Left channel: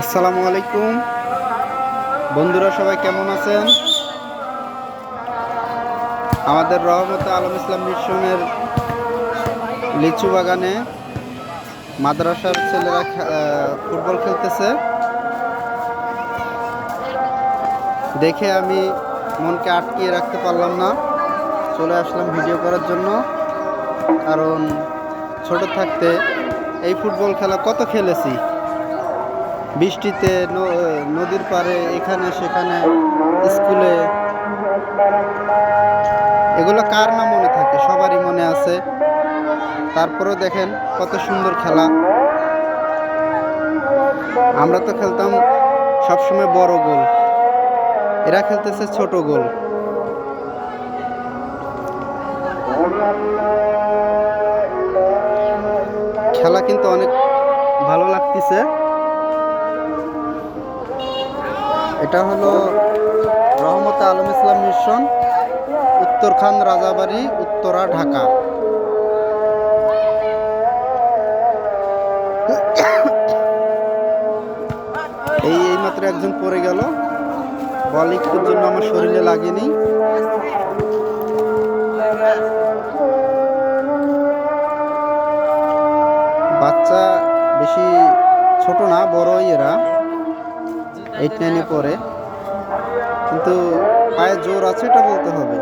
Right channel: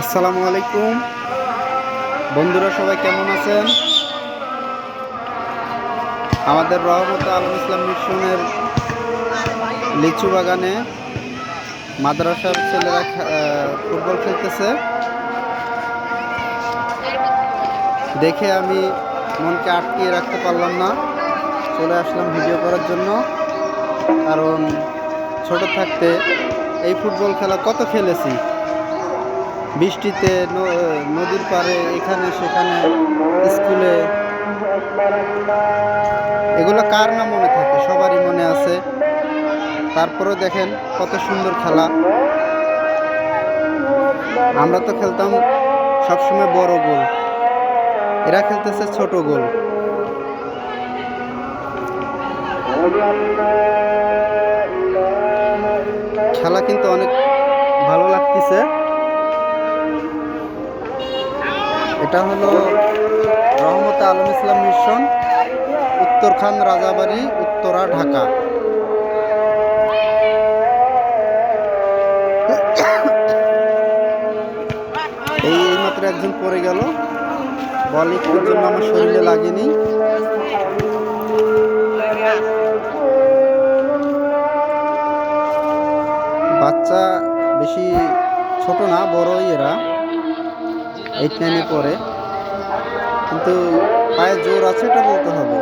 আসসালামু আলাইকুম বন্ধুরা, সবাই কেমন আছেন? আমাদের রহমতে আলম ইসলাম মিশনের লিচু বাগানে মাদ্রাসার ছেলেরা ফুটবল খেলতেছে দেখে আমি মনকে আটকিয়ে রাখতে পারলাম না, চলে আসলাম ভিডিও করার জন্য। কারণ ছোট থাকতে এই ফুটবল খেলা কত খেলেছি, বৃষ্টিতে, নদীর পাড়ে, এখানে সেখানে, স্কুলে। এগুলো কার না মনে থাকে, সবারই মনে আছে। তারপরেও দেখেন কত সুন্দর খেলা। আমরা তো খেলতাম সবসময় বড় গোল, এরা খেলতেছে ছোট গোল। খেলা কিন্তু অনেক ভালো লাগতেছে। এটা হলো রহমতে আলম ইসলাম মিশন, উত্তরখান, রাজাবাড়ি, উত্তরা, ঢাকা। এইমাত্র একজন পড়ে গেল, বল একটুর জন্য আমার শরীরে লাগেনি। বাচ্চা বেশি ছোট না, বড়ই, এরা 8-9-এ পড়ে, কিন্তু পায়ে জোর আছে, এটা বলতে হবে।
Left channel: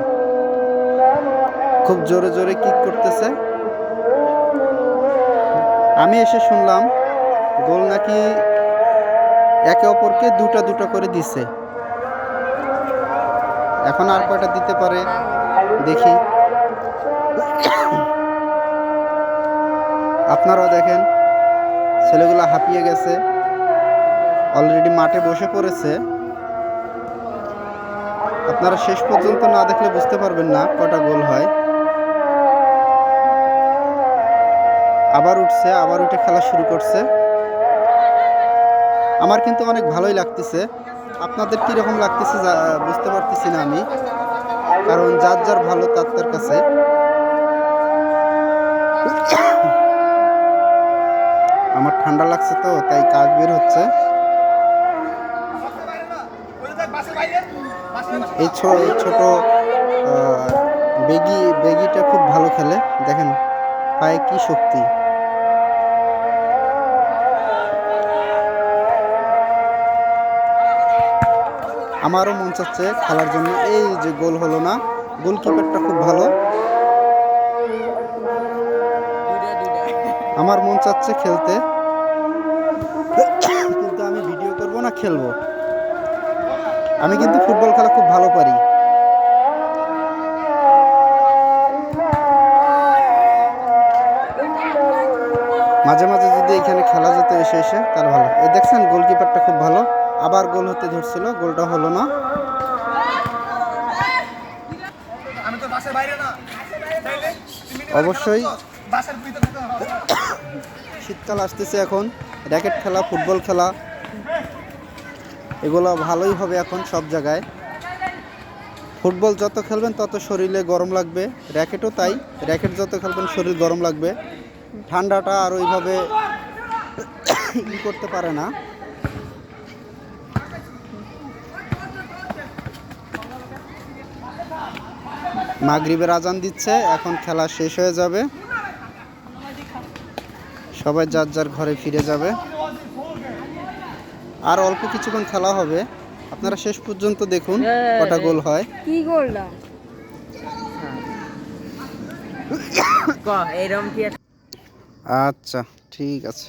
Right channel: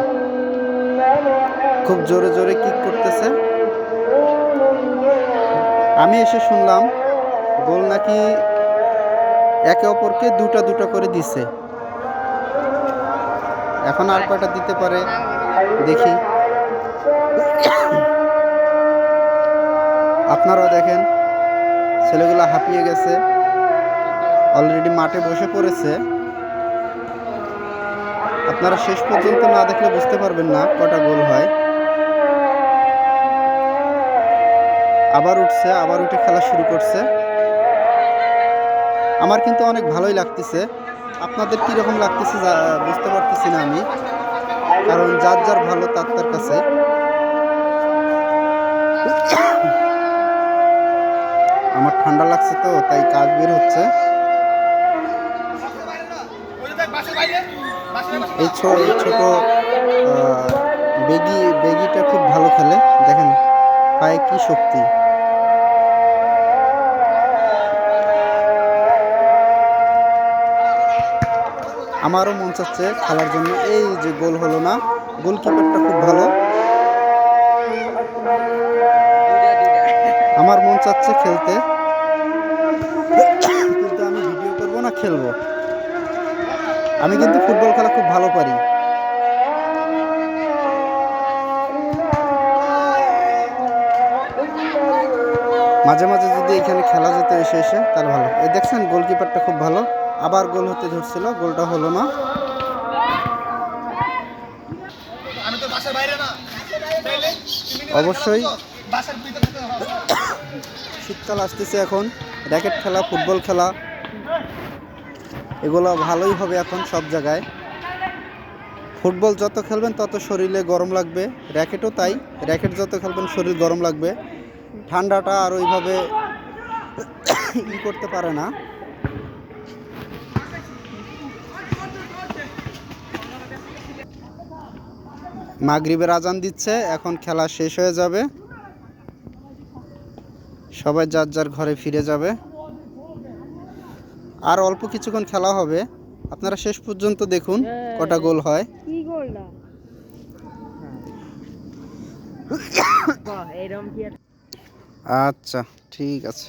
খুব জোরে জোরে কিক করতেছে। আমি এসে শুনলাম গোল নাকি একে অপরকে দুটা দুটা করে দিছে। এখন আর কয়টা দিতে পারে দেখি। আপনারাও দেখেন, ছেলেগুলো হাঁপিয়ে গেছে, অলরেডি মাঠে বসে পড়েছে। আপনারা শেষ পর্যন্ত না দেখলে বুঝতে পারবেন না কটা গোল হয়। আবার উঠছে, আবার উঠে খেলা শুরু করছে। আমার কিন্তু অনেক ভালোই লাগতেছে। আপনাদের কীরকম লাগতেছে বুঝতে পারতেছি না আমি, কারণ যার যার ভালো তার তার কাছে। আমার ঠান্ডা লাগছে তো, তাই কাজ বের হচ্ছে। এই ছোট বেগিটা খুব ভালো খেলে, দেখেন পায়ে কি শক্তি। আমারও মন চাচ্ছে খেলার জন্য। এই যে গোল হলো না, গোলকিপারটা খুব ভালো। আমার মন চাচ্ছে খেলতে, কিন্তু আমি ভিডিও করব না, খেলবো। আমি কিন্তু ফুটবল খেলা খুব ভালো পারি। মাঝে মাঝে যদি এখানে খেলা যেত এসে এসে, তাহলে ভালো। এই দেখছেন গোলকিপারটা খুব ভালো, আবার গোল হতে ধরছিল, গোলটা হলো না। অবশ্যই শীতকাল আসতেছে, এখন র্যাকেট খেলা, ফুটবল খেলা, এগুলো ভালোই হবে এখন সব জায়গায়। ফুটবল যত খেলবেন তত শরীরে গরম লাগবে, র্যাকেটও তাই। র্যাকেট যত খেলবেন শরীর গরম লাগবে, ঠান্ডাটা আর ওইভাবে করতে পারে না। মাগরিবের আজান দিচ্ছে, এখন খেলা শেষ হয়ে যাবে, সবাই যার যার ঘরে ফিরে যাবে। আর অল্প কিছুক্ষণ খেলা হবে, আপনারা শেষ পর্যন্ত দেখুন কটা গোল হয়। আচ্ছা, ঠিক আছে।